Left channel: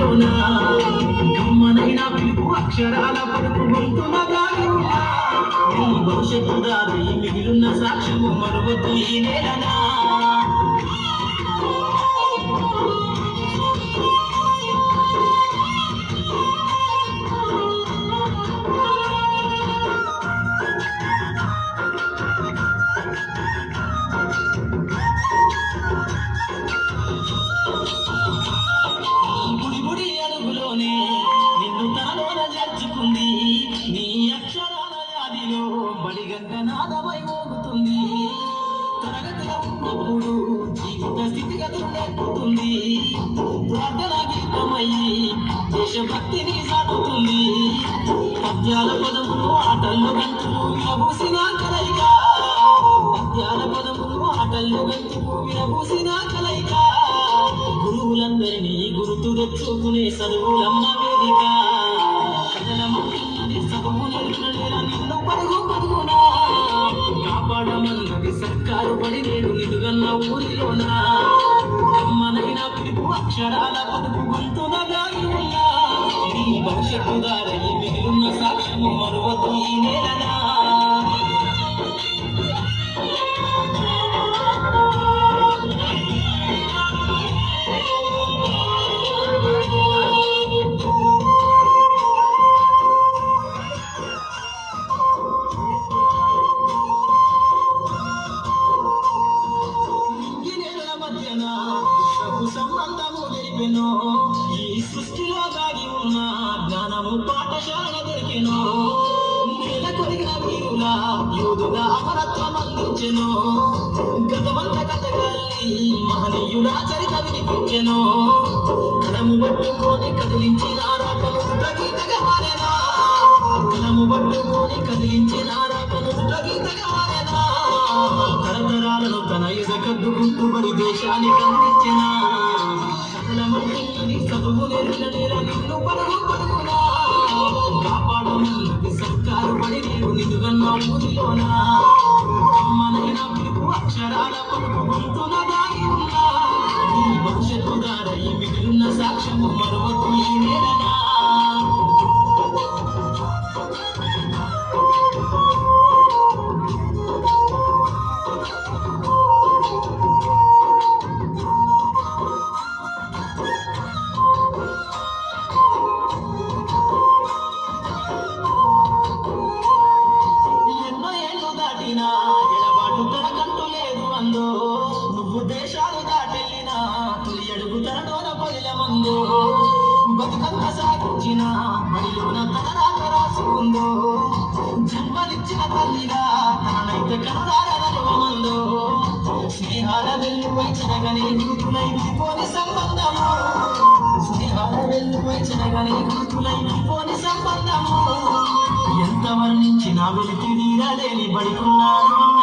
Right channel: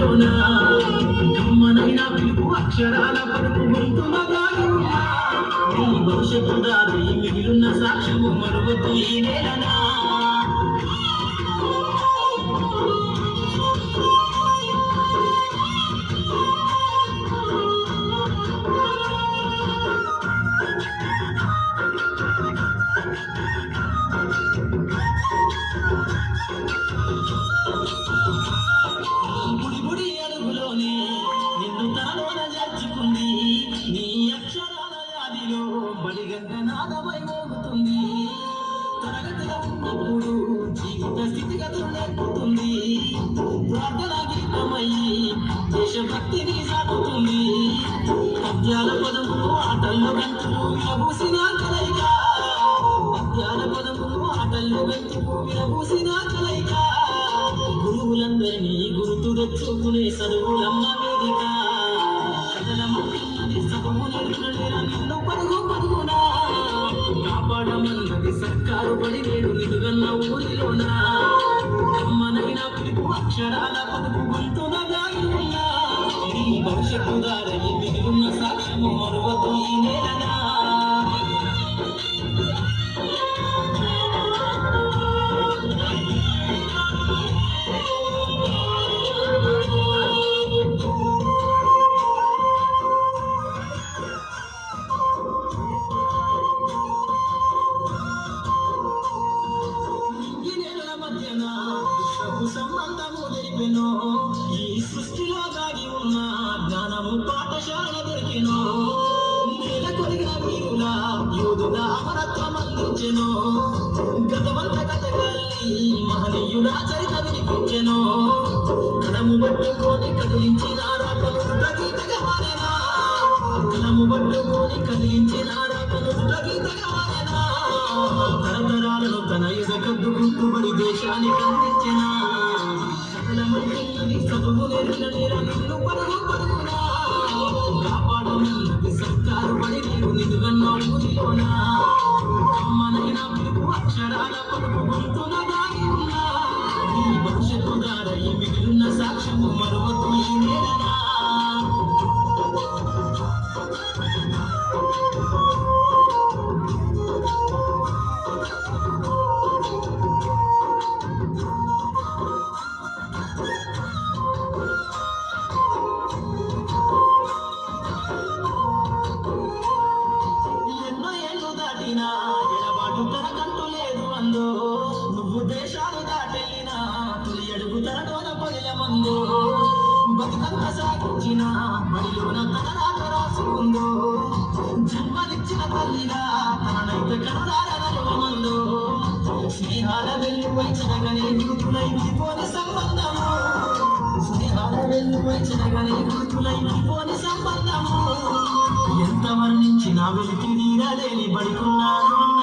ఊరిలోన కమ్మనైన పిలుపు అక్షరాల పలుకు గొంతున దాగి ఉన్నా నీ భవిష్యత్తు దారి మిగిలిన సాక్ష్యము మరువద్దు ఈ నేలనా గుడి గుడి అడుగులోనే నిన్ను తనలోన చేర్చుకుంది నీ అక్షరాల యాదిలో బడిగంట నాదమై మోగుతుంది తరగతిలో ఉన్నప్పుడు జీవిత స్థితిగతులు నేర్పుతుంది ప్రార్థన గీతమయ్యి దేశభక్తిని సాటుతుంది పద్యాల పదములు ఆటల్లో వెంచులు విరబూసిన కలయిక పద్యాల పదములు ఆటల్లో వెంచులు విరబూసిన కలయిక గురువులందరినీ గుర్తు తెచ్చుకునే చదువులన్న వేదిక కథలమున్నది చదువు నేర్పిన నిన్ను పరుగు పరుగునా కాపాడమన్నది సర్కారు బడి నేడు నిలుగన్న ఊరిలోన కమ్మనైన పిలుపు అక్షరాల పలుకు గొంతున దాగి ఉన్నా నీ భవిష్యత్తు దారి మిగిలిన సాక్ష్యము మరువద్దు ఈ నేలనా సంబంధము తెలిపెను ఈ సృష్టిలో దాగి ఉన్న జ్ఞానము పాఠశాల దొరికెను నేల కొరిగిన వీరుల యోధుల అమరత్వం అందించెను గతవంత కథగాల్ని మహనీయుల చరిత వినిపించెను కలము పట్టుకొని కదిలించిన రాతను గీతగా మారేనా కలము పట్టుకొని కదిలించిన రాతను గీతగా మారేనా తరతరాలను తన ఎదకద్దు గుర్తుపడి దేశానికి అందించిన చదువు నేర్పిన నిన్ను పరుగు పరుగునా కాపాడమన్నది సర్కారు బడి నీవు నిలుగన్న ఊరిలోన కమ్మనైన పిలుపు అక్షరాల పలుకు గొంతున దాగి ఉన్నా నీ భవిష్యత్తు దారి మిగిలిన సాక్ష్యము మరువద్దు ఈ నేలనా ఎడబాటు తనకంటూ లేదు అందో నువ్వు దేశాలు దాటెళ్ళినా తొలి అడుగు తనలోన పొలిల మందో బతుకంత సాగించిన బడిలోన తన రాత రాసుకుందో జన్మనిచ్చిన తల్లిగా తననైతే కనురారమందో స్నేహాల వెల్లుపై చెనగని గుర్తులై విడిపోని సంబంధము స్నేహాల వెల్లుపై చెనగని గుర్తులై విడిపోని సంబంధము ఎంత వర్ణించినా వెలికి నీరలేని బడికున్నాను